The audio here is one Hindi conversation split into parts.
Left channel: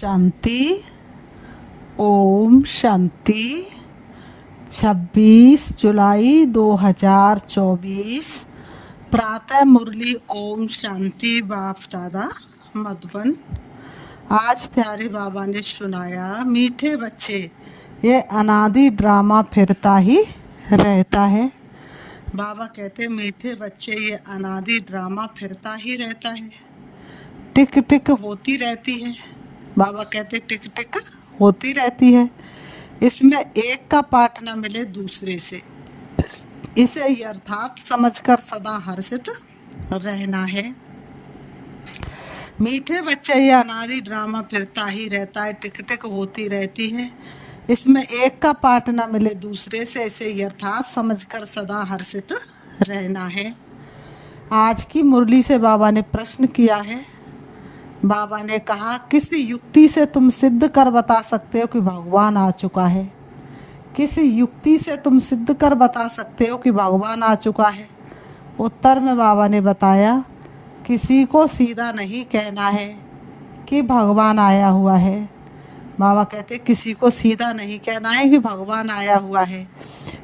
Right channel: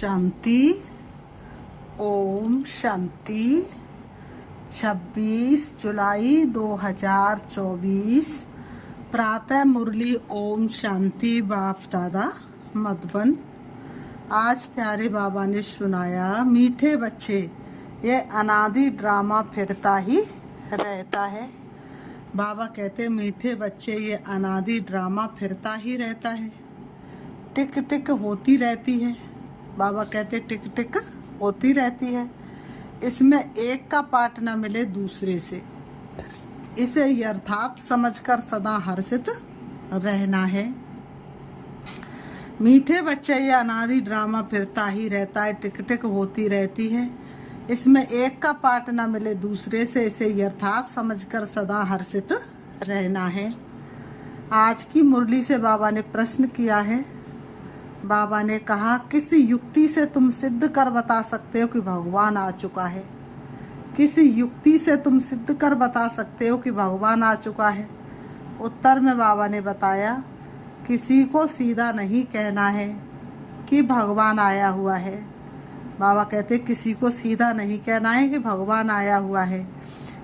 शांति। ओम शांति। 26 जुलाई 2024 प्रातः मुरली। ओम शांति। बाप दादा मधुबन। आज प्यारे बाबा ने सुनाया, मीठे बच्चे, ये अनादि ड्रामा फिरता ही रहता है। बाबा कहते, मीठे बच्चे, ये अनादि ड्रामा फिरता ही रहता है, टिक टिक होती रहती है। बाबा कहते टिक टिक होती रहती है, इसमें एक का पाठ न मिले दूसरे से। इसे यथार्थ समझकर सदा हर्षित रहना है। मीठे बच्चे, ये अनादि ड्रामा फिरता ही रहता है, टिक टिक होती रहती है, इसमें एक का पाठ न मिले दूसरे से। इसे यथार्थ समझकर सदा हर्षित रहना है। आज की मुरली से बाबा ने प्रश्न किया है। बाबा ने कहा, किसी युक्ति से तुम सिद्ध कर बता सकते हो कि भगवान आ चुका है? किसी युक्ति से तुम सिद्ध कर बता सकते हो कि भगवान आ चुका है? उत्तर में बाबा ने बताया, किसी को सीधा नहीं कहना है कि भगवान आया हुआ है। बाबा कहते, किसी को सीधा नहीं कहना है कि भगवान आया हुआ है।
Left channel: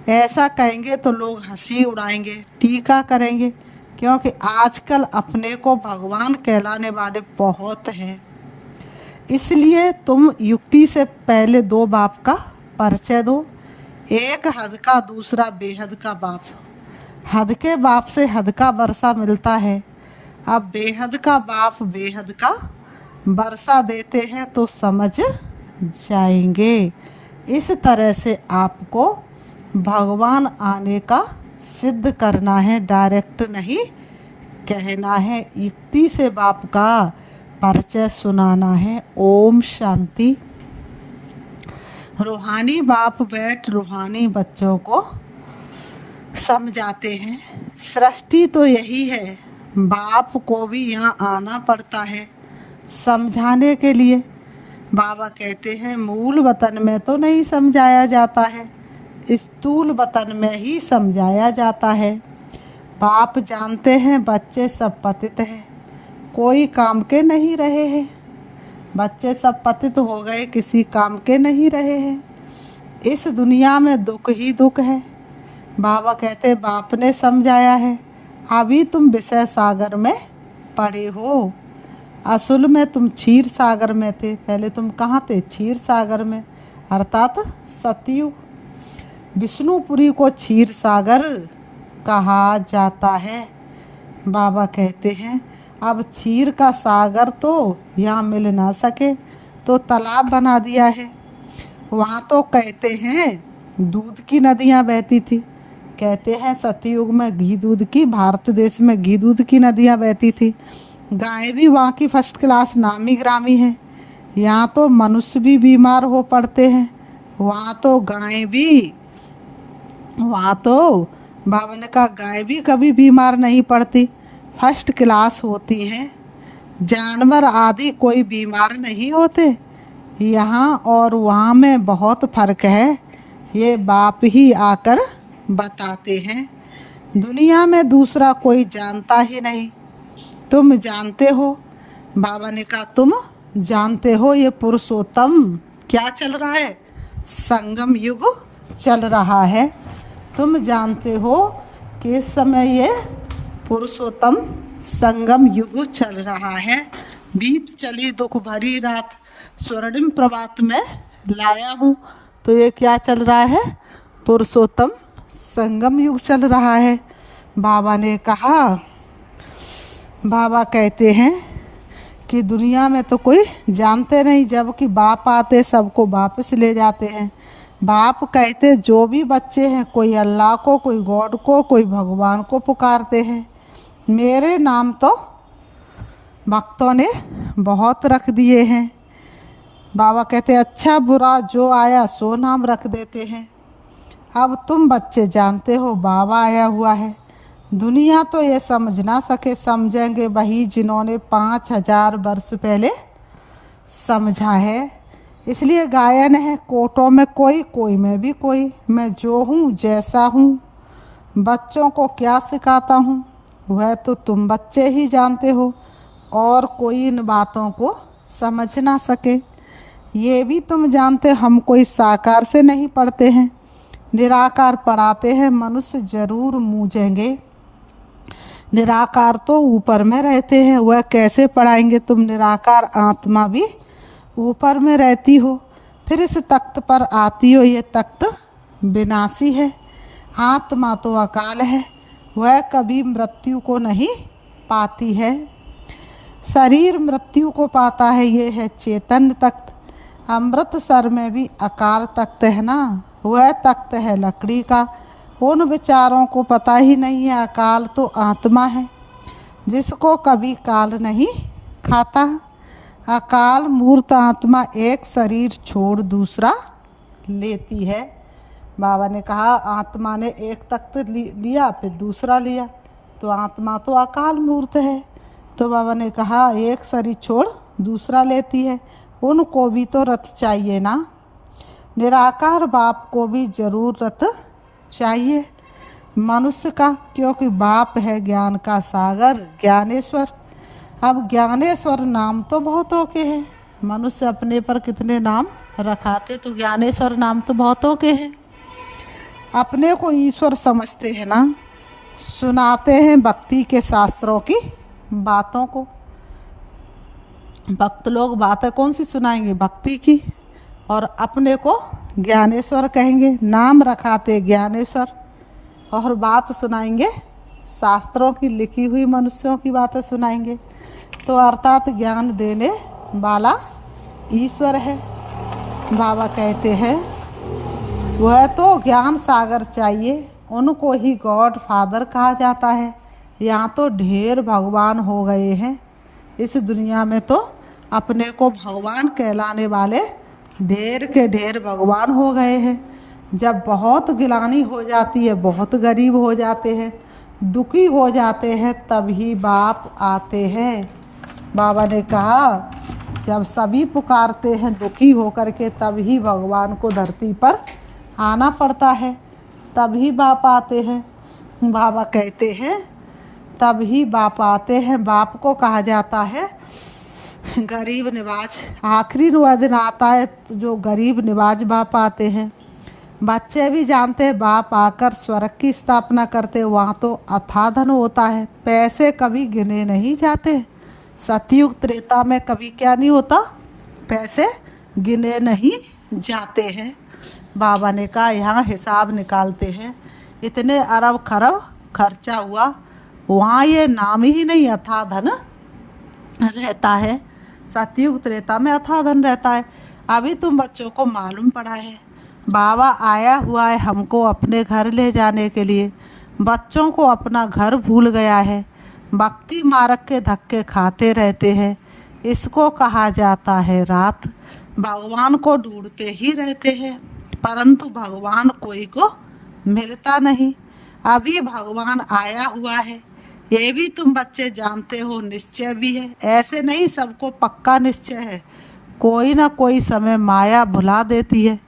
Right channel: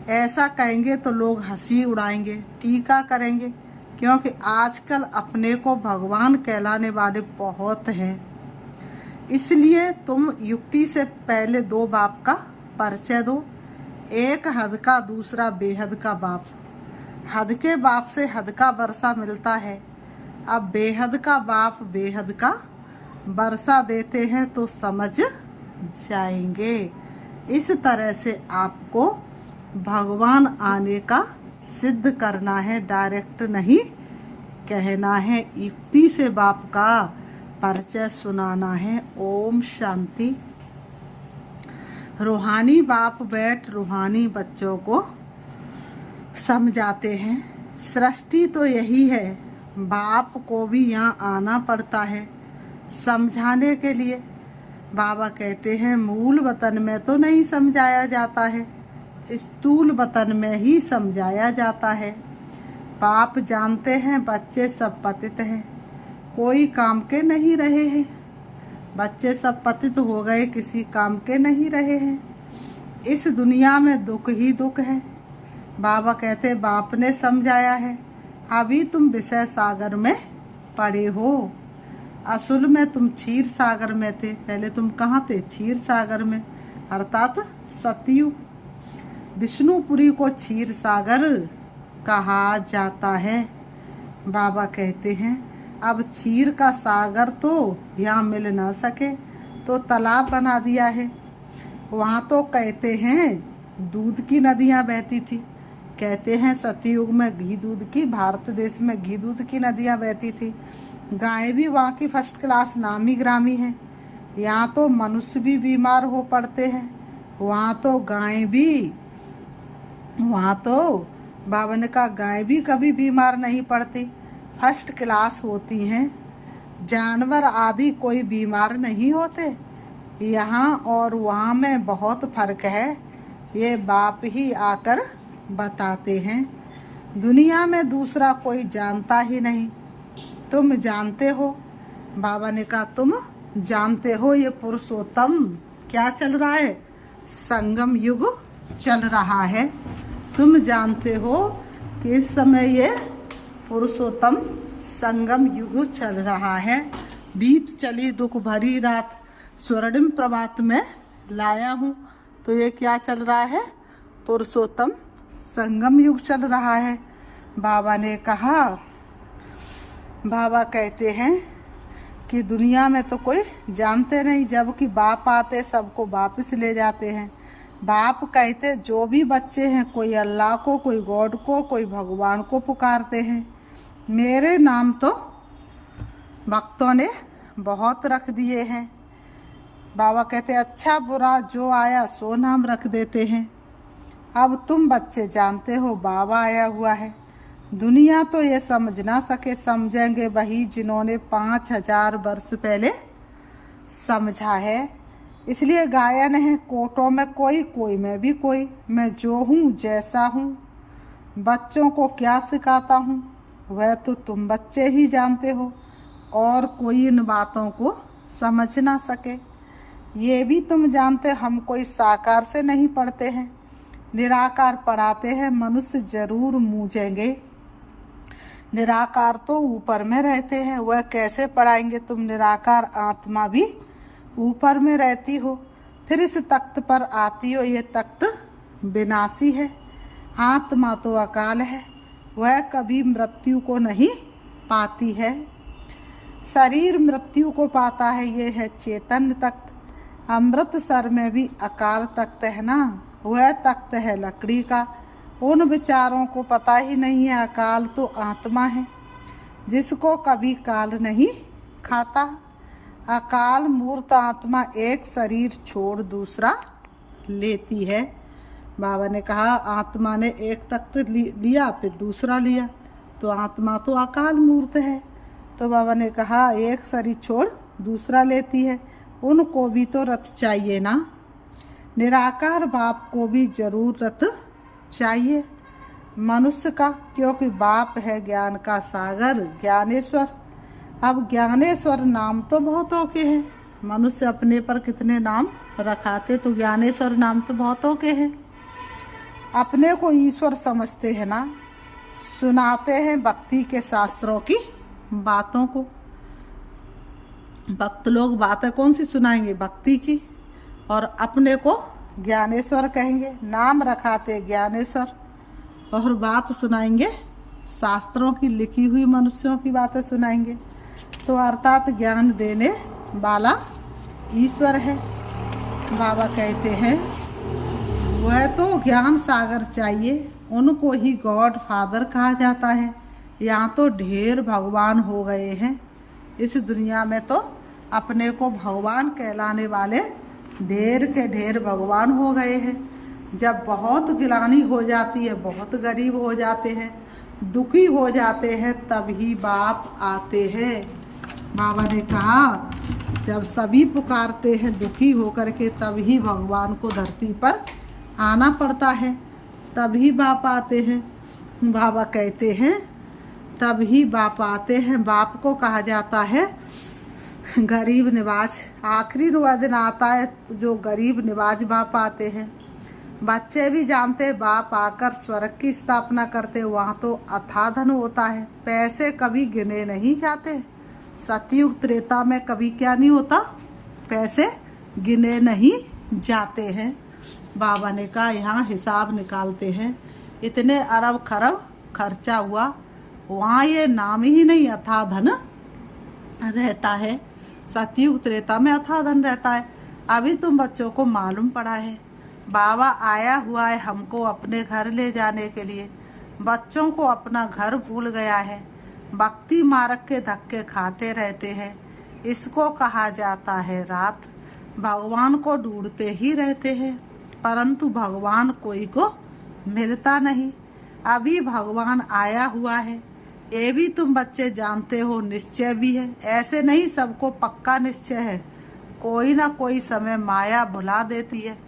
ऐसा कहेंगे तो लोग हंसी उड़ाएंगे, टीका करेंगे, क्योंकि आजकल अपने को भगवान कहलाने वाले बहुत हैं। इसलिए तुम युक्ति से पहले दो बाप का परिचय दो, एक हद का, दूसरा बेहद का बाप। हद के बाप से हद का वर्षा मिलता है, अब बेहद का बाप बेहद का वर्षा देते हैं तो समझ जाएंगे। इस तरह से आपको भगवान आने का सिद्ध करना है, डायरेक्ट नहीं कहना है, युक्ति से बाप का परिचय सुनाना है। ओम शांति। रूहानी बाप बैठ रूहानी बच्चों को समझाते हैं। सृष्टि तो यही है, बाप को भी यहाँ आना पड़ता है समझाने के लिए। बाबा कहते हैं, मूल वतन में तो नहीं समझाया जाता है, स्थूल वतन में ही समझाया जाता है। बाप जानते हैं बच्चे सब पतित हैं, कोई काम के नहीं रहे हैं। बच्चे सब पतित हो गए, किसी काम के नहीं रहे हैं। इस दुनिया में दुख ही दुख है। बाबा कहते, बाप ने समझाया है, अभी तुम विषय सागर में पड़े हो। असल में तुम क्षीर सागर में थे। पहले तुम कहाँ थे? क्षीर सागर में, अर्थात सतयुग। विष्णुपुरी को क्षीर सागर कहा जाता है। बाबा कहते हैं, अब क्षीर का सागर तो यहाँ मिल ना सके तो तालाब बना दिया है। वहाँ तो कहते हैं दूध की नदियाँ बहती थी। कहते हैं सतयुग में घी दूध की, भारत देश में घी दूध की नदियाँ बहती थी। गाय भी वहाँ की फर्स्ट क्लास नामी ग्रामी है। यहाँ तो मनुष्य भी बीमार हो पड़ते हैं, वहाँ तो गाय भी, वहाँ तो बाबा ने कहा गाय भी कभी बीमार नहीं पड़ती, फर्स्ट क्लास होती है। जानवर आदि कोई बीमार नहीं होते। यहाँ और वहाँ में बहुत फर्क है, ये बाप ही आकर बताते हैं। दुनिया में दूसरा कोई जानता ही नहीं, तुम जानते हो। बाबा ने कहा, तुम जानते हो ये पुरुषोत्तम क्या चल रहा है? संगम युग चल रहा है। तुम जानते हो कि इस समय ये पुरुषोत्तम संगम युग चल रहा है। बीत चली दुख भरी रात, स्वर्णिम प्रभात में लाया हूँ। तो ये क्या चल रहा है? पुरुषोत्तम संगम युग चल रहा है। बाबा ने कहा, बाबा कहते हैं कि दुनिया में तो कोई जानते नहीं, जबकि बाप आते सबको वापस ले जाते हैं। बाप कहते, जो भी बच्चे हैं, कोई अल्लाह को, कोई गॉड को, कोई भगवान को पुकारते हैं। मेरे नाम तो भक्तों ने बहुत रख दिए हैं। बाबा कहते, अच्छा बुरा जो आया सो नाम रख देते हैं। अब तुम बच्चे जानते हो बाबा आया हुआ है। दुनिया तो ये समझ ना सके, समझेंगे वही जिन्होंने 5000 वर्ष पहले समझा है। इसलिए गायन है, कोटों में कोई, कोई में भी कोई, मैं जो हूँ जैसा हूँ। बच्चों को क्या सिखाता हूँ वह तो तुम बच्चे ही जानते हो, और कोई इन बातों को समझ ना सके। ये भी तुम जानते हम कोई साकार से नहीं पढ़ते हैं, निराकार पढ़ाते हैं, मनुष्य जरूर मूझेंगे। निराकार तो ऊपर में रहते हैं, वह कैसे पढ़ाएंगे? तुम निराकार आत्मा भी ऊपर में रहती हो, फिर इस तख्त पर आती हो। ये तख्त विनाशी है। आत्मा तो अकाल है, वह कभी मृत्यु को नहीं पाती है। शरीर मृत्यु को पाता है, ये है चेतन तख्त। अमृतसर में भी अकाल तख्त है ना, वह तख्त है लकड़ी का। उन विचारों को पता ही नहीं है अकाल तो आत्मा है, जिसको कभी काल नहीं खाता। अकाल मूर्त आत्मा एक शरीर छोड़ दूसरा लेती है। बाबा ने कहा आत्मा ने एक तख्त लिया फिर दूसरा लिया, तो आत्मा तो अकाल मूर्त है। तो बाबा ने कहा एक शरीर छोड़ दूसरा लेती है, उनको भी तो रथ चाहिए ना। निराकार बाप को भी जरूर रथ चाहिए मनुष्य का, क्योंकि बाप है ज्ञान का सागर ज्ञानेश्वर। अब ज्ञानेश्वर नाम तो बहुतों के हैं, मनुष्य अपने पर कितने नाम रखाते, तो ज्ञानेश्वर नाम तो बहुतों के हैं। अपने को ईश्वर समझते हैं ना, सुनाते हैं भक्ति के शास्त्रों की बातों को। भक्त लोग बातें कौन सी सुनाएंगे? भक्ति की। और अपने को ज्ञानेश्वर कहेंगे, नाम रखाते ज्ञानेश्वर, और बात सुनाएंगे शास्त्रों की लिखी हुई, मनुष्यों की बातें सुनाएंगे। तो अर्थात ज्ञान देने वाला ईश्वर है। बाबा कहते हैं वह तो ज्ञान सागर चाहिए, उनको ही गॉड फादर कहा जाता है। यहाँ तो ढेर भगवान हो गए हैं इस दुनिया में, तो अपने को भगवान कहलाने वाले ढेर के ढेर भगवान हो गए हैं। जब बहुत गिलानी हो जाती है, बहुत गरीब हो जाते हैं, दुखी हो जाते हैं, तभी बाप आते हैं। बाबा ने कहा जब सभी पुकारते हैं दुखी होकर के, तभी भगवान को धरती पर आना पड़ता है, तभी बाप आते हैं। बाबा कहते हैं तभी बाप आते हैं। बाप को कहा जाता है गरीब निवाज। आखिरी दिन आता है तो जो गरीब निवाज बाप आते हैं। बच्चे भी जानते हैं बाप आकर स्वर्ग की स्थापना करते, वहाँ तो अथाह धन होता है, पैसे कभी गिने नहीं जाते। सतयुग त्रेता में कभी क्या नहीं होता? पैसे गिने नहीं जाते हैं। बाबा ने कहा यहाँ हिसाब निकालते हैं, इतने अरब खरब खर्चा हुआ, वहाँ ये नाम ही नहीं अथाह धन रहता है। सतयुग त्रेता में अथाह धन रहता है। अभी तुम बच्चों को मालूम पड़ा है बाबा आया हुआ है हमको अपने घर ले जाने के लिए। बच्चों को अपना घर भूल गया है, भक्ति मार्ग के धक्के खाते रहते हैं। इसको कहा जाता है रात। भगवान को ढूंढते ही रहते हैं, परंतु भगवान कोई को मिलता नहीं। अभी भगवान आया हुआ है, ये भी तुम बच्चे जानते हो, निश्चय भी है। ऐसे नहीं सबको पक्का निश्चय है, कोई ना कोई समय माया भुला देती है।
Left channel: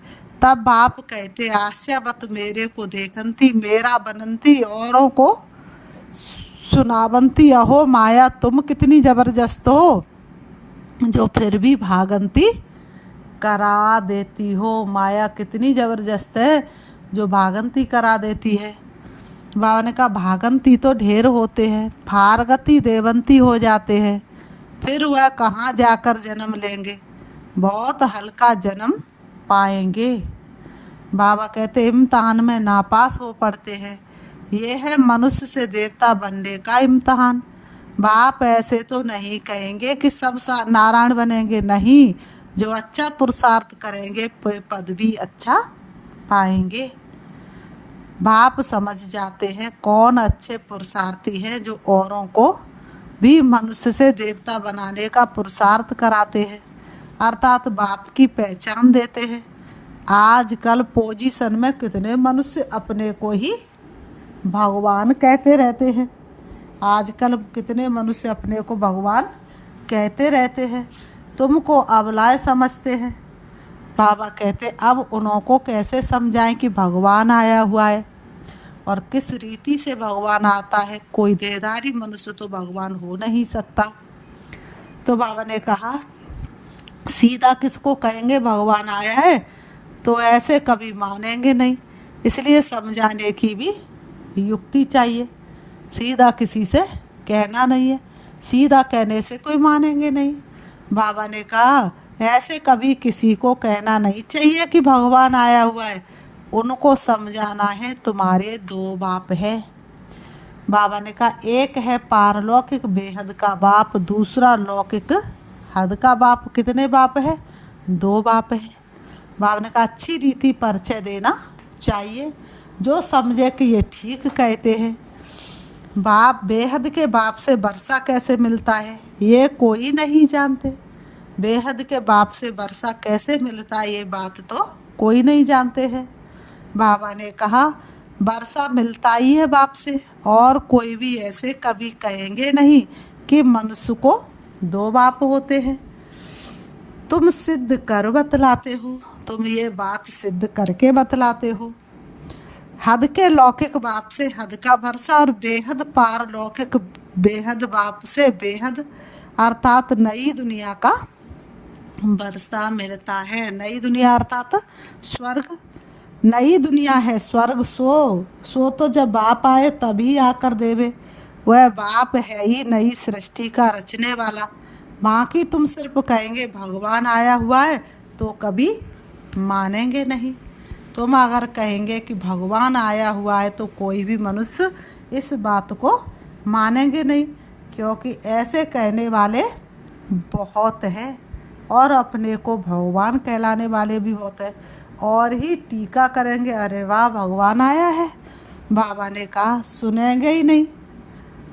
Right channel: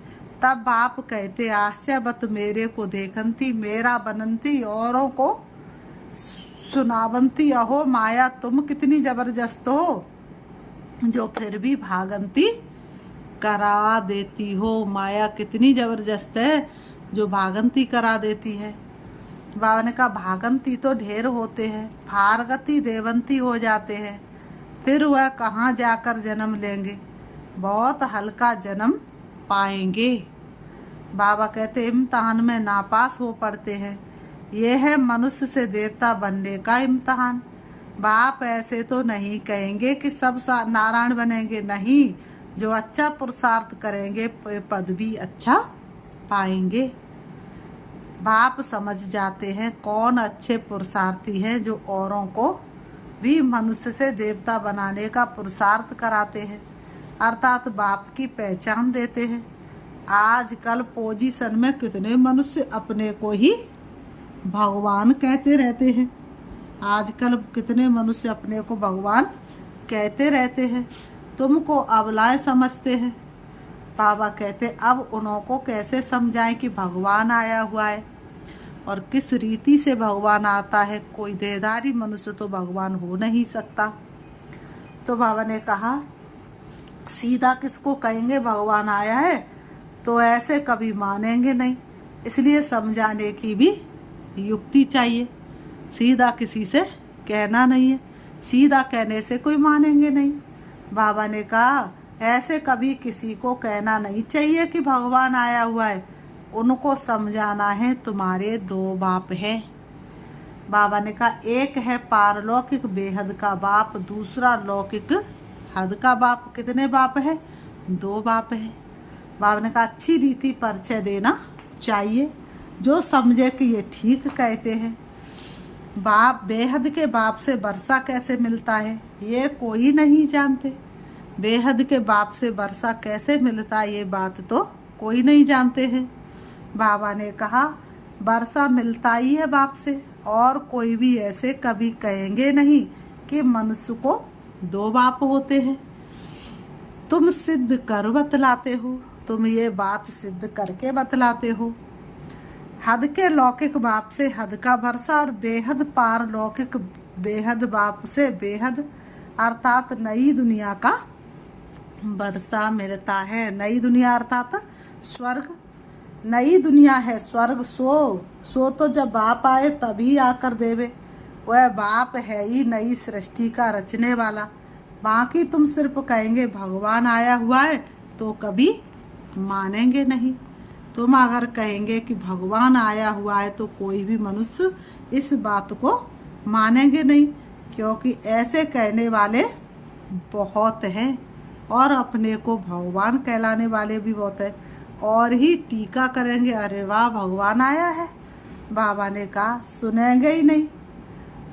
तब बाप कहते आश्चर्यवत मेरे को देखंती, मेरा बनंती औरों को सुनावंती। अहो माया तुम कितनी जबरदस्त हो, जो फिर भी भागंती करा देती हो। माया कितनी जबरदस्त है जो भागंती करा देती है। बाबा ने कहा भागंती तो ढेर होते हैं, फारगति देवंती हो जाते हैं, फिर वह कहाँ जाकर जन्म लेंगे? बहुत हल्का जन्म पाएंगे। बाबा कहते इम्तहान में नापास हो पड़ते हैं, ये है मनुष्य से देवता बनने का इम्तहान। बाप ऐसे तो नहीं कहेंगे कि सब नारायण बनेंगे, नहीं, जो अच्छा पुरुषार्थ करेंगे पद भी अच्छा पाएंगे। बाप समझ जाते हैं कौन अच्छे पुरुषार्थी हैं, जो औरों को भी मनुष्य से देवता बनाने का पुरुषार्थ कराते हैं, अर्थात बाप की पहचान देते हैं। आजकल पोजीशन में कितने मनुष्य अपने को ही भगवान कहते रहते हैं। आजकल कितने मनुष्य अपने को भगवान कहते रहते हैं, तुमको अबलाएं समझते हैं। बाबा कहते अब उन्हों को कैसे समझाएं कि भगवान आया हुआ है और किस रीति से भगवान आता है। कोई देहधारी मनुष्य तो भगवान हो नहीं सकता। तो बाबा ने कहा सीधा किसको कहेंगे भगवान आया है, तो ऐसे कभी मानेंगे नहीं। इसलिए समझाने की भी युक्ति चाहिए। सीधा किसी से कहना नहीं है, सीधा कहने से कोई मानेंगे नहीं। बाबा ने कहा ऐसे कभी किसी को कहना नहीं चाहिए कि भगवान आया हुआ है। उनको समझाना है तुम्हारे दो बाप है। बाबा ने कहा एक है पारलौकिक बेहद का बाप, दूसरा लौकिक हद का बाप। कितने बाप है? दो बाप है। बाबा ने कहा अच्छी रीति परिचय देना चाहिए, जो समझे कि ये ठीक कहते हैं। बाप बेहद के बाप से वर्षा कैसे मिलता है ये कोई नहीं जानते। बेहद के बाप से वर्षा कैसे मिलता है ये बात तो कोई नहीं जानते हैं। बाबा ने कहा वर्षा मिलता ही है बाप से, और कोई भी ऐसे कभी कहेंगे नहीं कि मनुष्य को दो बाप होते हैं। तुम सिद्ध कर बतलाते हो, तुम ये बात सिद्ध करके बतलाते हो। हद के लौकिक बाप से हद का वर्षा और बेहद पार लौकिक बेहद बाप से बेहद अर्थात नई दुनिया का वर्षा मिलता है। नई दुनिया अर्थात स्वर्ग। नई दुनिया है स्वर्ग। सो तो जब बाप आए तभी आकर देवे। वह बाप है ही नई सृष्टि का रचने वाला। बाकी तुम सिर्फ कहेंगे भगवान आया हुआ है तो कभी मानेंगे नहीं। तुम अगर कहेंगे कि भगवान आया हुआ है तो कोई भी मनुष्य इस बात को मानेंगे नहीं, क्योंकि ऐसे कहने वाले बहुत हैं और अपने को भगवान कहलाने वाले भी बहुत हैं, और ही टीका करेंगे अरे वाह भगवान आया है। बाबा ने कहा सुनेंगे ही नहीं।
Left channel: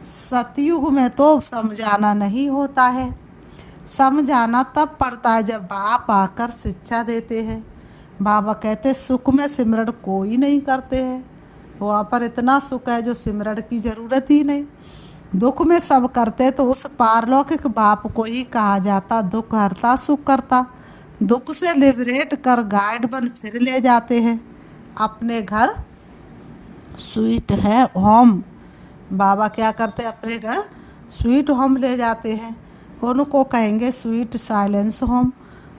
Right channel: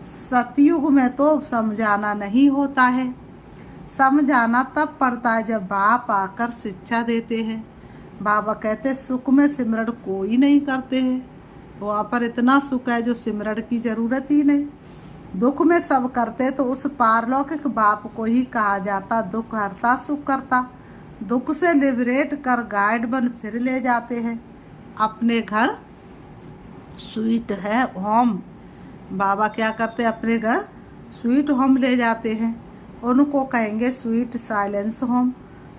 सतयुग में तो समझाना नहीं होता है, समझाना तब पड़ता है जब बाप आकर शिक्षा देते हैं। बाबा कहते सुख में सिमरण कोई नहीं करते हैं, वहाँ पर इतना सुख है जो सिमरण की जरूरत ही नहीं। दुख में सब करते तो उस पारलौकिक बाप को ही कहा जाता दुख हरता सुख करता। दुख से लिबरेट कर गाइड बन फिर ले जाते हैं अपने घर स्वीट है होम। बाबा क्या करते अपने घर स्वीट होम ले जाते हैं। उनको कहेंगे स्वीट साइलेंस होम।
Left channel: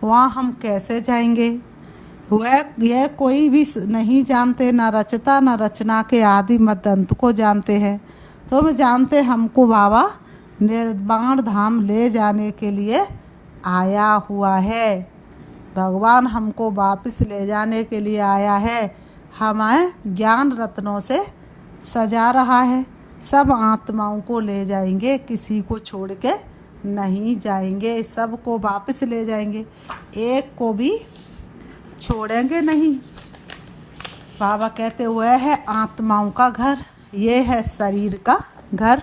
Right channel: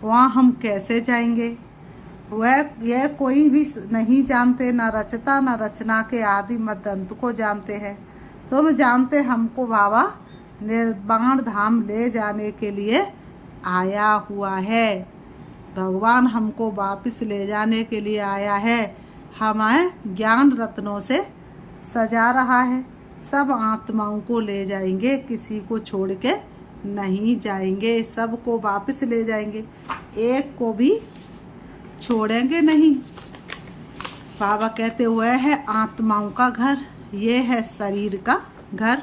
वहाँ हम कैसे जाएंगे वह यह कोई भी नहीं जानते, न रचता न रचना के आदि मत अंत को जानते हैं। तुम जानते हमको बाबा निर्वाण धाम ले जाने के लिए आया हुआ है। भगवान हमको वापस ले जाने के लिए आया है। हमें ज्ञान रत्नों से सजा रहा है। सब आत्माओं को ले जाएंगे, किसी को छोड़ के नहीं जाएंगे, सबको वापस ले जाएंगे, एक को भी छोड़ेंगे नहीं। बाबा कहते हुए है आत्माओं का घर, ये है शरीर का घर।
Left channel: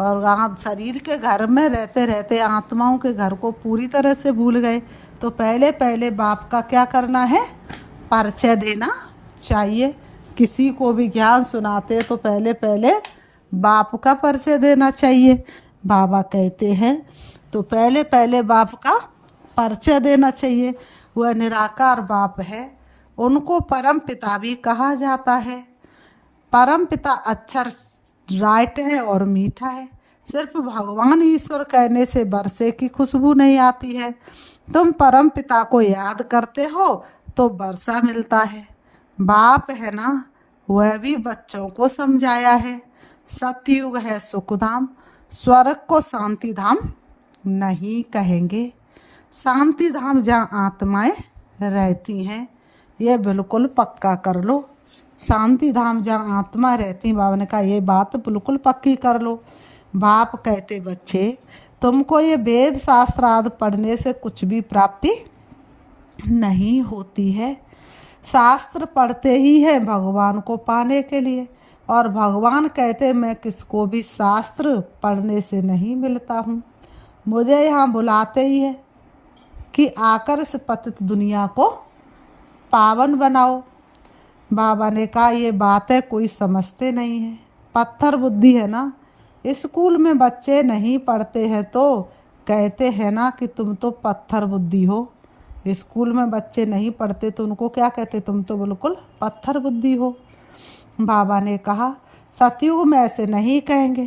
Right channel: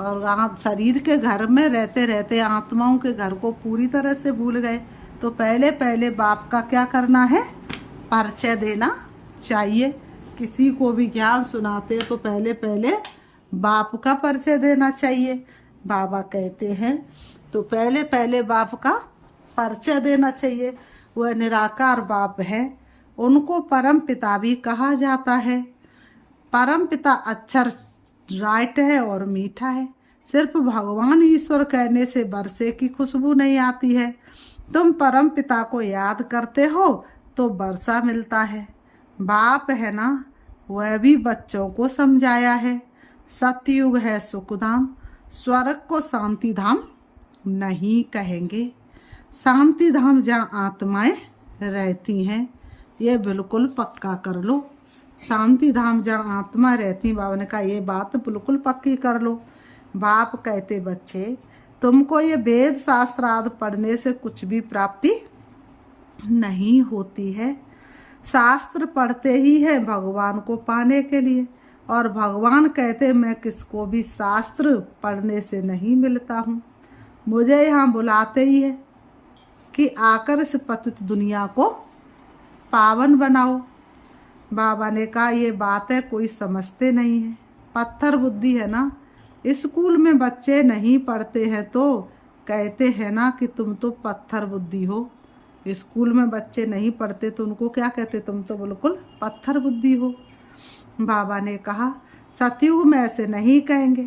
और शरीर के घर में रहते रहते आत्माओं के घर को पूरी तरह से भूल गए। तो पहले पहले बाप का क्या करना है? परिचय देना चाहिए। किसी को भी ज्ञान सुनाते तो पहले पहले बाप का परिचय देना चाहिए। बाबा कहते हैं तो पहले पहले बाप का परिचय देना चाहिए। वह निराकार बाप है, उनको परम पिता भी कहा जाता है। परम पिता अक्षर राइट है और मीठा है। सिर्फ भगवान ईश्वर कहने से बरसे की खुशबू नहीं आती है। तुम परम पिता को याद करते हो तो वर्षा मिलता है। बाप है ना, वह भी बच्चों को समझाया है। सतयुग है सुखधाम, स्वर्ग को शांति धाम नहीं कहेंगे। शांति धाम जहाँ आत्माएं रहती हैं, ये बिल्कुल पक्का कर लो। शांति धाम जहाँ आत्मा रहती, बाबा ने कहा ये बात बिल्कुल पक्की कर लो। बाप कहते बच्चे तुमको ये वेद शास्त्र आदि पढ़ने से कुछ भी प्राप्ति नहीं होती है। शास्त्र पढ़ते ही है भगवान को पाने के लिए, और भगवान कहते मैं किसको भी शास्त्र पढ़ने से नहीं मिलता हूँ, मुझे यहाँ बुलाते ही है कि आकर इस पतित दुनिया को पावन बनाओ। बाबा ने कहा ये बातें कोई समझते नहीं है, पत्थर बुद्धि है ना। स्कूल में बच्चे नहीं पढ़ते हैं तो कहते हैं ना कि तुम तो पत्थर बुद्धि हो। स्कूल में बच्चे नहीं पढ़ते तो उनको क्या कहते? तुम तो बिल्कुल पत्थर बुद्धि हो। बाबा ने कहा सतयुग में ऐसे नहीं कहेंगे।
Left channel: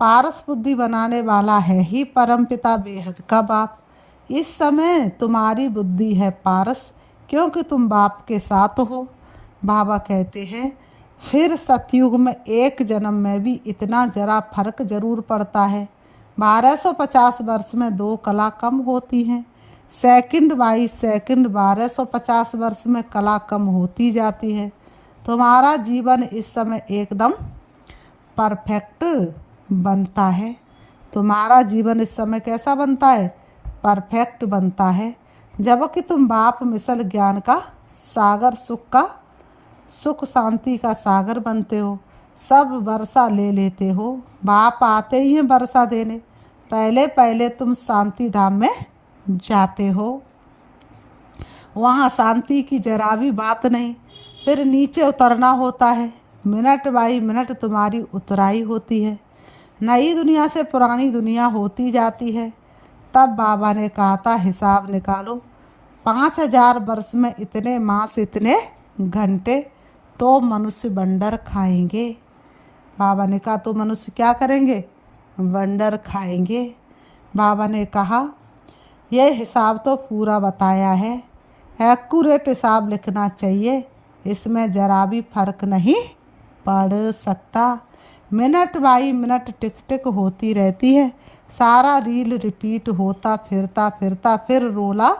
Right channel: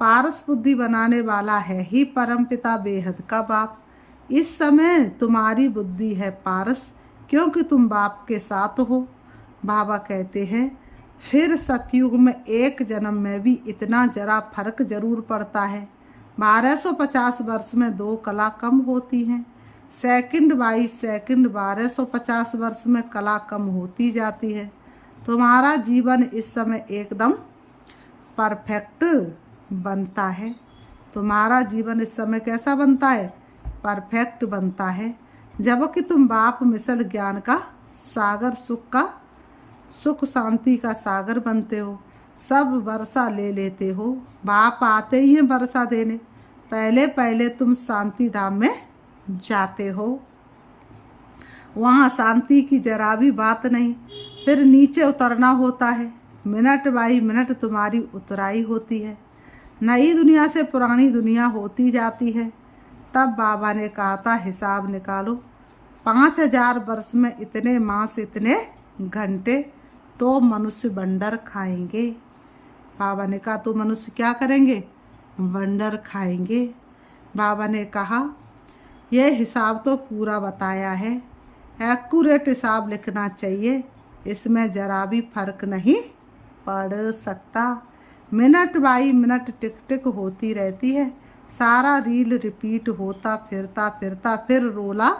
पारस बुद्धि बनाने वाला है ही परमपिता बेहद का बाप। इस समय तुम्हारी बुद्धि है पारस, क्योंकि तुम बाप के साथ हो। बाबा कहते हैं फिर सतयुग में एक जन्म में भी इतना जरा फर्क जरूर पड़ता है। 1250 वर्ष में 2 कला कम होती हैं। सेकंड बाई सेकंड 1250 वर्ष में कला कम होती जाती है। तुम्हारा जीवन इस समय एकदम परफेक्ट बनता है। तुम्हारा जीवन इस समय कैसा बनता है? परफेक्ट बनता है। जबकि तुम बाप मिसल ज्ञान का सागर, सुख शांति का सागर बनते हो। सब वर्षा ले लेते हो। बाप आते ही हैं वर्षा देने। पहले पहले तुम शांति धाम में जाते हो, वहाँ शांति की जरा भी बात नहीं। फिर नीचे उतरना होता है। मिनट बाई मिनट तुम्हारी उतराई होती है। नई दुनिया से पुरानी दुनिया होती जाती है। तब बाबा ने कहा था हिसाब निकालो, 5000 वर्ष में इतने मास, इतने घंटे तो मनुष्य बंडर खाएंगे। बाबा ने कहा तो मनुष्य क्या करेंगे? बंडर खाएंगे। बाबा ने कहा यह हिसाब तो पूरा बताया है, एक्यूरेट हिसाब लिखना चाहिए, इसमें जरा भी फर्क नहीं पड़ सकता। मिनट बाई मिनट टिक टिक होती रहती है। सारा रील रिपीट होता फिरता फिरता फिर रोला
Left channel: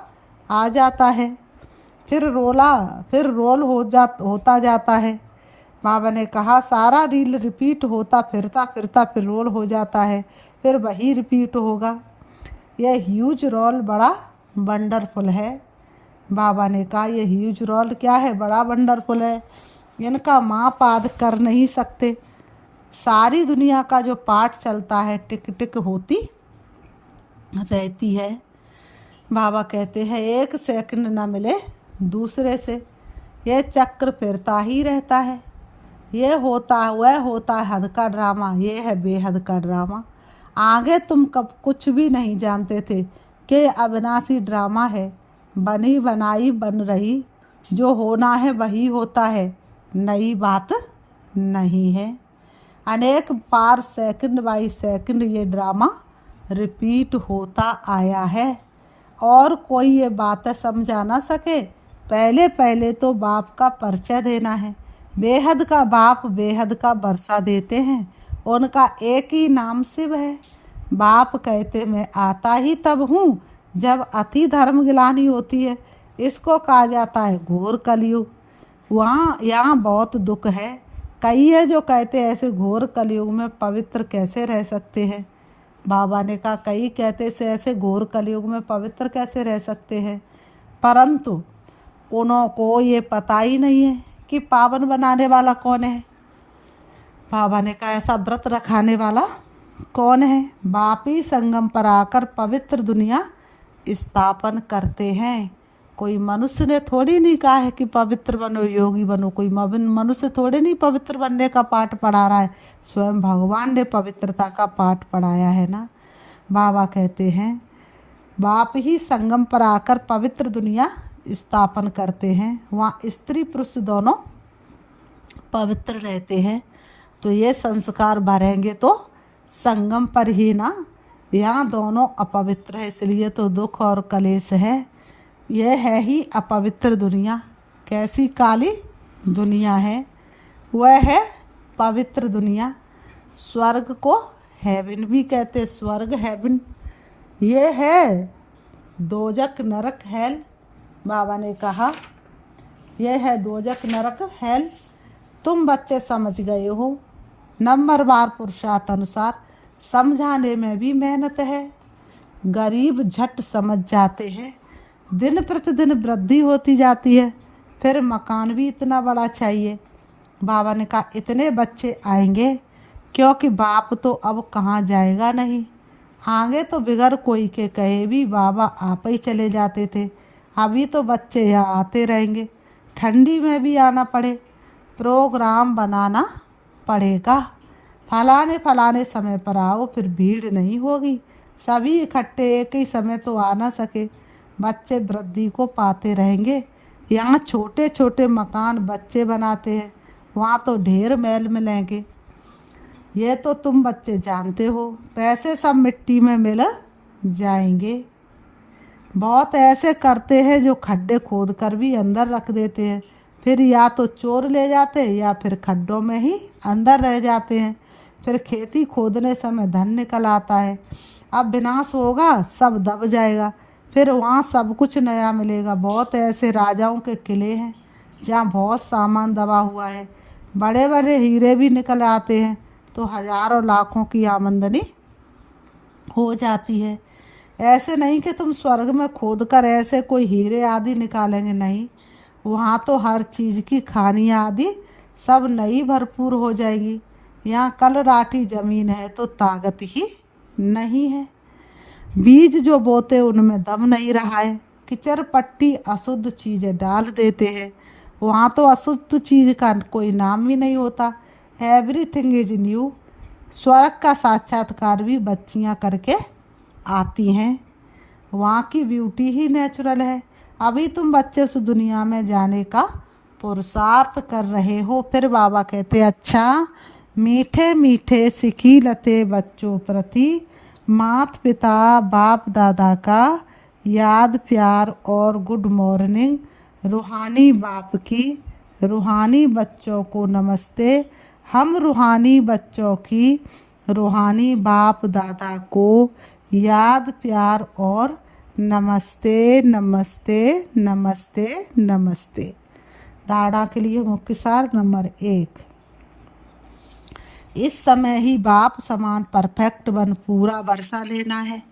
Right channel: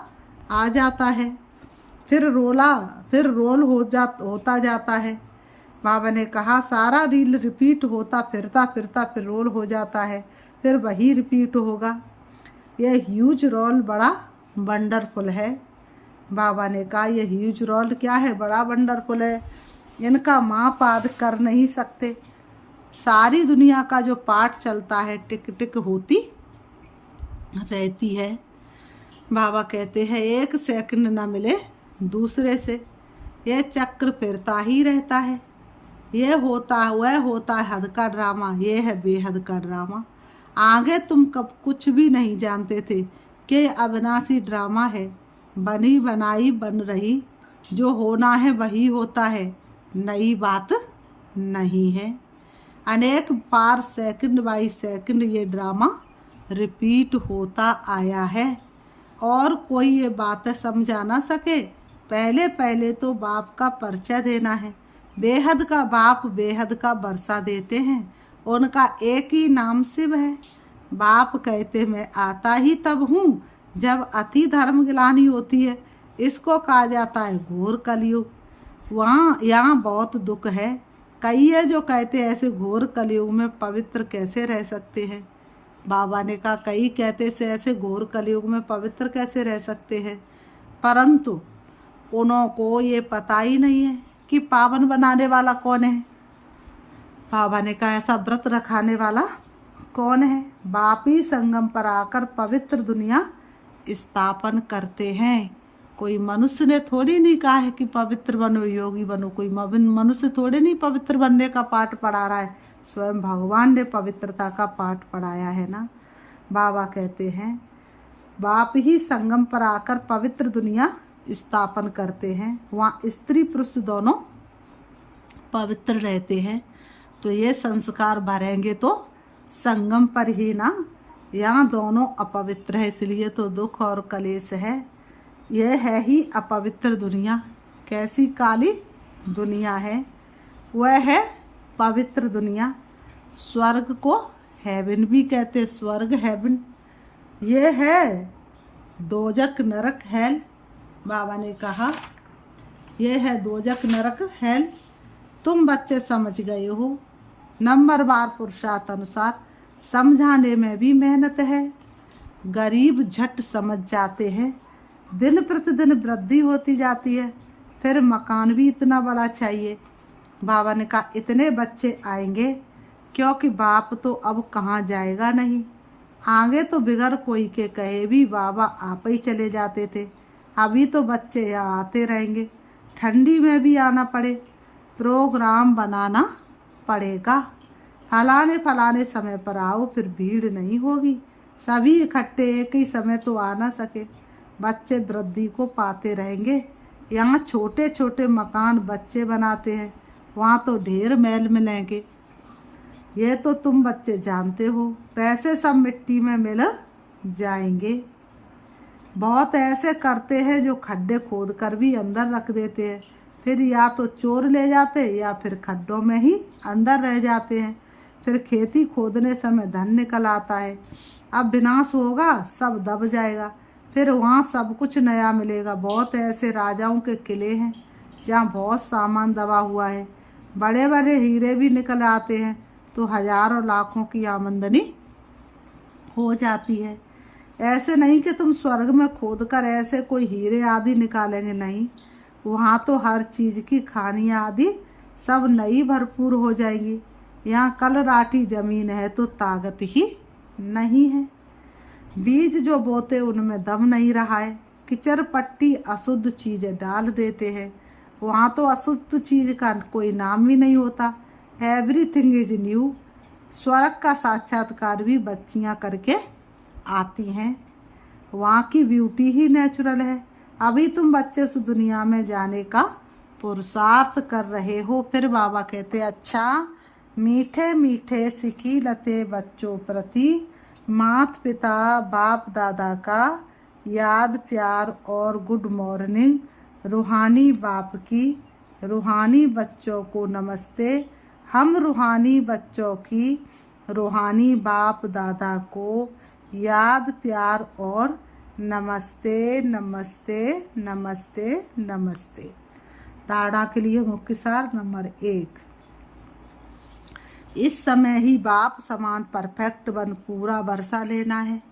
आ जाता है, फिर रोल होता जाता है। बाबा ने कहा सारा रील रिपीट होता फिरता फिरता फिर रोल हो जाता है, फिर वही रिपीट होगा। यह ह्यूज रोल बड़ा वंडरफुल है। बाबा ने कहा यह ह्यूज रोल क्या है? बड़ा वंडरफुल है। इनका माप आद कर नहीं सकते। सारी दुनिया का जो पाठ चलता है टिक टिक होती रहती है। बाबा कहते हैं 1 सेकंड न मिले दूसरे से, यह चक्र फिरता ही रहता है। यह होता वह होता है हद का ड्रामा, यह है बेहद का ड्रामा। आगे तुम कब कुछ भी नहीं जानते थे कि अविनाशी ड्रामा है। बनी बनाई बन रही, जो होना है वही होता है, नई बात नहीं है। अनेक बार सेकंड बाई सेकंड ये ड्रामा रिपीट होता आया है और कोई ये बातें समझा ना सके। पहले पहले तो बाप का परिचय देना है। बेहद का बाप बेहद का वर्षा देते हैं। उनका एक ही नाम शिव है। बाप कहते मैं आता ही तब हूँ जब अति धर्म गिलानी होती है। इसको कहा जाता है घोर कलयुग। यहाँ बहुत दुख है। कई है जो कहते हैं ऐसे घोर कलयुग में पवित्र कैसे रह सकते हैं। बाबा ने कहा कई कहते से ऐसे घोर कलयुग में पवित्र कैसे रह सकते हैं, परंतु उनको ये पता ही नहीं है कि पावन बनाने वाला कौन है। बाबा ने कहा ऐसा व्रत रखाने वाला कौन है? बाप ही संगम पर आकर पवित्र दुनिया स्थापन करते हैं। कोई मनुष्य ने थोड़ी नहीं कहा है कि पवित्र बनो, योगी बनो। कोई मनुष्य थोड़े नहीं पवित्र बनने का पाठ पढ़ा रहा है। स्वयं भगवान ने पवित्रता का पाठ पढ़ाया है ना। बाबा कहते हैं बाप ही संगम पर आकर पवित्र दुनिया स्थापन करते हैं। वहाँ स्त्री पुरुष दोनों पवित्र रहते हैं। तो ये संस्कार भरेंगे तो संगम पर ही ना। यहाँ दोनों अपवित्र है, इसलिए तो दुख और कलेश है। यह है ही अपवित्र दुनिया। कैसी काली दुनिया है, वह है पवित्र दुनिया। स्वर्ग को हेवन भी कहते, स्वर्ग हेवन। ये है दोजक नरक हेल। बाबा ने कहा यह है दोजक नरक हेल। तुम बच्चे समझ गए हो। नंबरवार पुरुषार्थ अनुसार समझाने में भी मेहनत है। गरीब झट समझ जाते हैं। दिन प्रतिदिन वृद्धि होती जाती है। फिर मकान भी इतना बड़ा चाहिए। बाबा ने कहा इतने बच्चे आएंगे, क्योंकि बाप तो अब कहाँ जाएगा नहीं। आगे तो बिगर कोई के कहे भी बाबा आप ही चले जाते थे। अभी तो बच्चे यहाँ आते रहेंगे। ठंडी में भी आना पड़े, प्रोग्राम बनाना पड़ेगा। फलाने समय पर आओ, फिर भीड़ नहीं होगी। सभी इकट्ठे एक ही समय तो आ ना सके। बच्चे वृद्धि को पाते रहेंगे। यहाँ छोटे छोटे मकान बच्चे बनाते हैं, वहाँ तो ढेर महल मिलेंगे। ये तो तुम बच्चे जानते हो। पैसे सब मिट्टी में मिल जाएंगे। बहुत ऐसे करते हैं जो खड्डे खोद कर भी अंदर रख देते हैं, फिर या तो चोर ले जाते हैं या फिर खड्डों में ही अंदर रह जाते हैं। फिर खेती खोदने समय धन निकल आता है। अब विनाश होगा, सब दब जाएगा, फिर वहाँ सब कुछ नया मिलेगा। बहुत ऐसे राजाओं के किले हैं जहाँ बहुत सामान दबा हुआ है, बड़े बड़े हीरे भी निकल आते हैं तो हजारों लाखों की आमदनी हो जाती है। ऐसे नहीं कि तुम स्वर्ग में खोद कर ऐसे कोई हीरे आदि निकालेंगे, नहीं, वहाँ तो हर चीज़ की खानियाँ आदि सब नई भरपूर हो जाएगी। यहाँ कल राठी जमीन है तो ताकत ही नहीं है। बीज जो बोते उनमें दम नहीं रहा है। किचर पट्टी अशुद्ध चीज़ें डाल देते हैं, वहाँ तो अशुद्ध चीज़ का कोई नाम ही नहीं होता। Everything is new. स्वर्ग का साक्षात्कार भी बच्चियाँ करके आती हैं, वहाँ की ब्यूटी ही नेचुरल है। अभी तुम बच्चे से दुनिया में जाने का पुरुषार्थ कर रहे हो। फिर बाबा कहते अच्छा, मीठे मीठे सिखी लते बच्चों प्रति माता पिता बाप दादा का याद प्यार और गुड मॉर्निंग। रूहानी बाप की रूहानी बच्चों को नमस्ते। हम रूहानी बच्चों की रूहानी बाप दादा को याद प्यार और नमस्ते नमस्ते नमस्ते नमस्ते। धारणा के लिए मुख्य सार नंबर 1, इस समय ही बाप समान परफेक्ट बन पूरा वर्षा लेना है।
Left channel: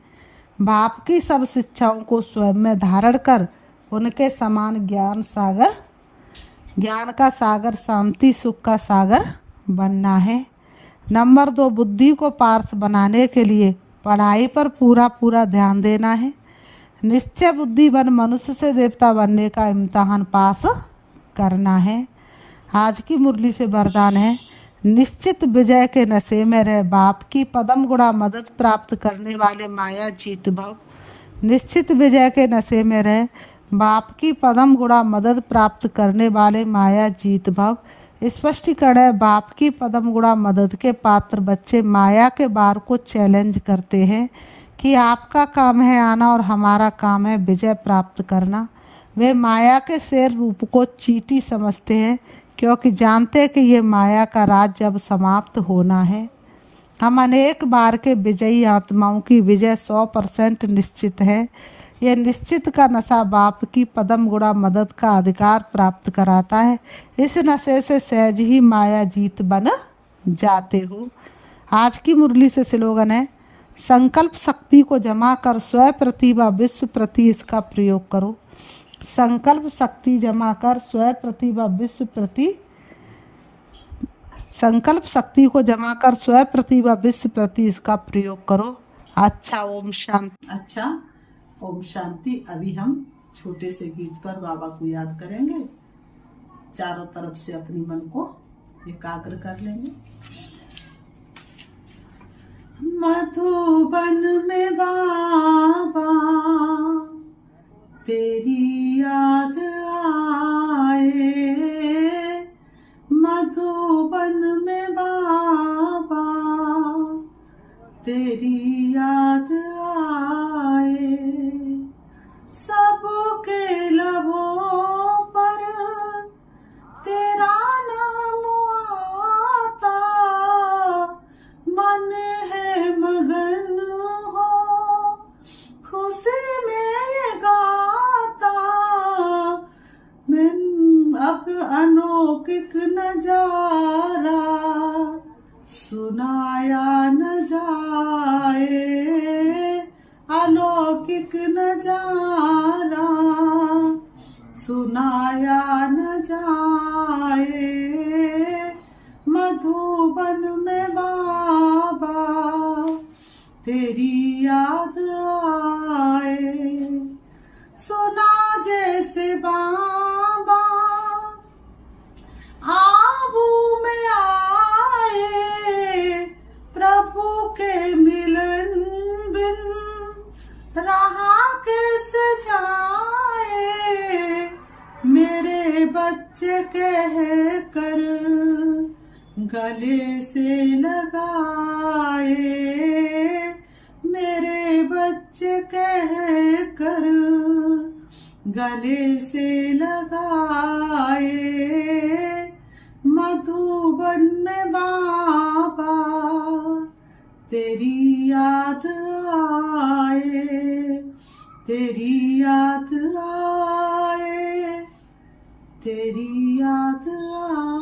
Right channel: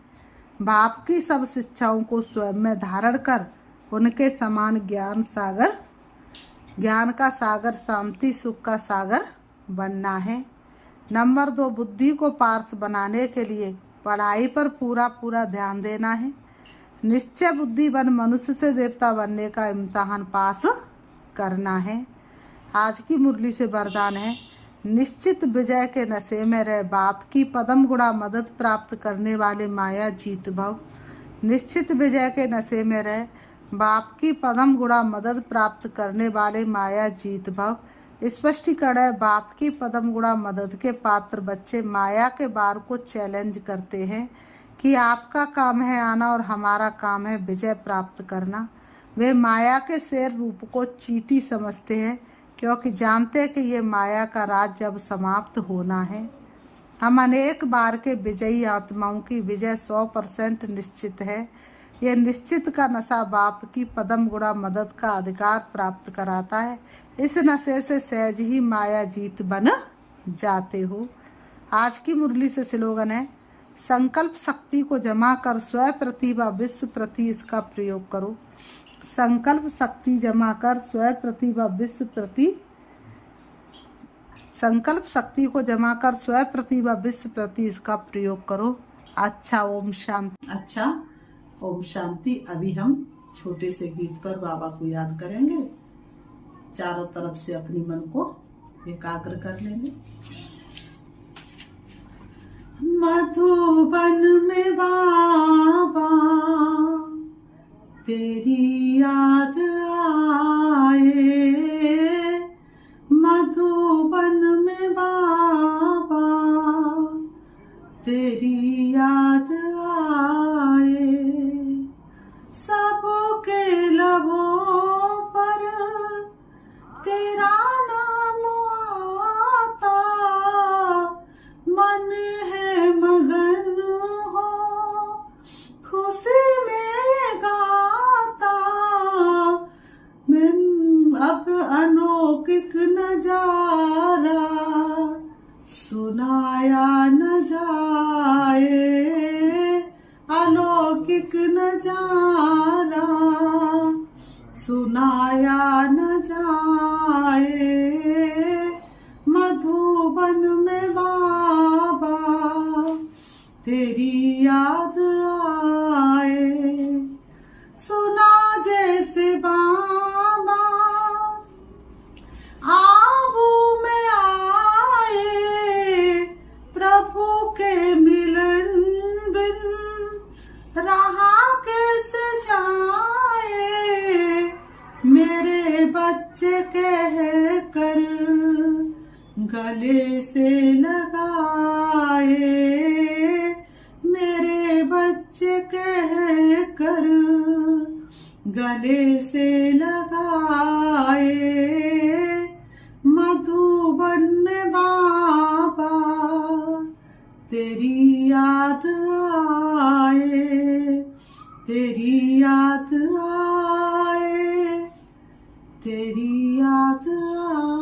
बाप की सब शिक्षाओं को स्वयं में धारण कर उनके समान ज्ञान का सागर शांति सुख का सागर बनना है। नंबर 2, बुद्धि को पार्स बनाने के लिए पढ़ाई पर पूरा ध्यान देना है। निश्चय बुद्धि बन मनुष्य से देवता बनने का इम्तिहान पास करना है। आज की मुरली से वरदान है, निश्चित विजय के नशे में रह बाप की पदम गुणा मदद प्राप्त करने वाले माया जीत भव। निश्चित विजय के नशे में रह बाप की पदम गुणा मदद प्राप्त करने वाले माया जीत भव। स्पष्टीकरण है, बाप की पदम गुणा मदद के पात्र बच्चे माया के बार को चैलेंज करते हैं कि आपका काम है आना और हमारा काम है विजय प्राप्त करना। वे माया के शेर रूप को चींटी समझते हैं क्योंकि जानते हैं कि ये माया का राज जब समाप्त होना है। हम अनेक बार के विजयी आत्माओं की विजय 100% निश्चित है। यह निश्चित का नशा बाप की पदम गुणा मदद का अधिकार प्राप्त कराता है। इस नशे से सहज ही माया जीत बन जाते हो। आज की मुरली से स्लोगन है, संकल्प शक्ति को जमा कर स्वयं प्रति व विश्व प्रति इसका प्रयोग करो। संकल्प शक्ति जमा कर स्वयं प्रति व विश्व प्रति, संकल्प शक्ति को जमा कर स्वयं प्रति व विश्व प्रति इसका प्रयोग करो। अच्छा, ओम शांति। अच्छा, ओम शांति। अभी हम छोटे से गीत पर बाबा को याद करेंगे। चारों तरफ से अपनी मन को एकाग्र कर लेंगे। मधुबन में बाबा तेरी याद आए, मधुबन में बाबा तेरी याद आए। सबके लबों पर तेरा नाम आता, मन है मगन हो खुशी में ये गाता। मैं अब अनौकिक नजारा सुनाया न जाए, अलौकिक नजारा सुनाया न जाए। मधुबन में बाबा तेरी याद आए। सुना जैसे बाबा आबू में आए, प्रभु के मिलन बिन रहा कैसे जाए। मेरे बच्चे कह कर गले से लगाए, मेरे बच्चे कह कर गले से लगाए, मधुबन में बाबा तेरी याद आए, तेरी याद आए, तेरी याद आए।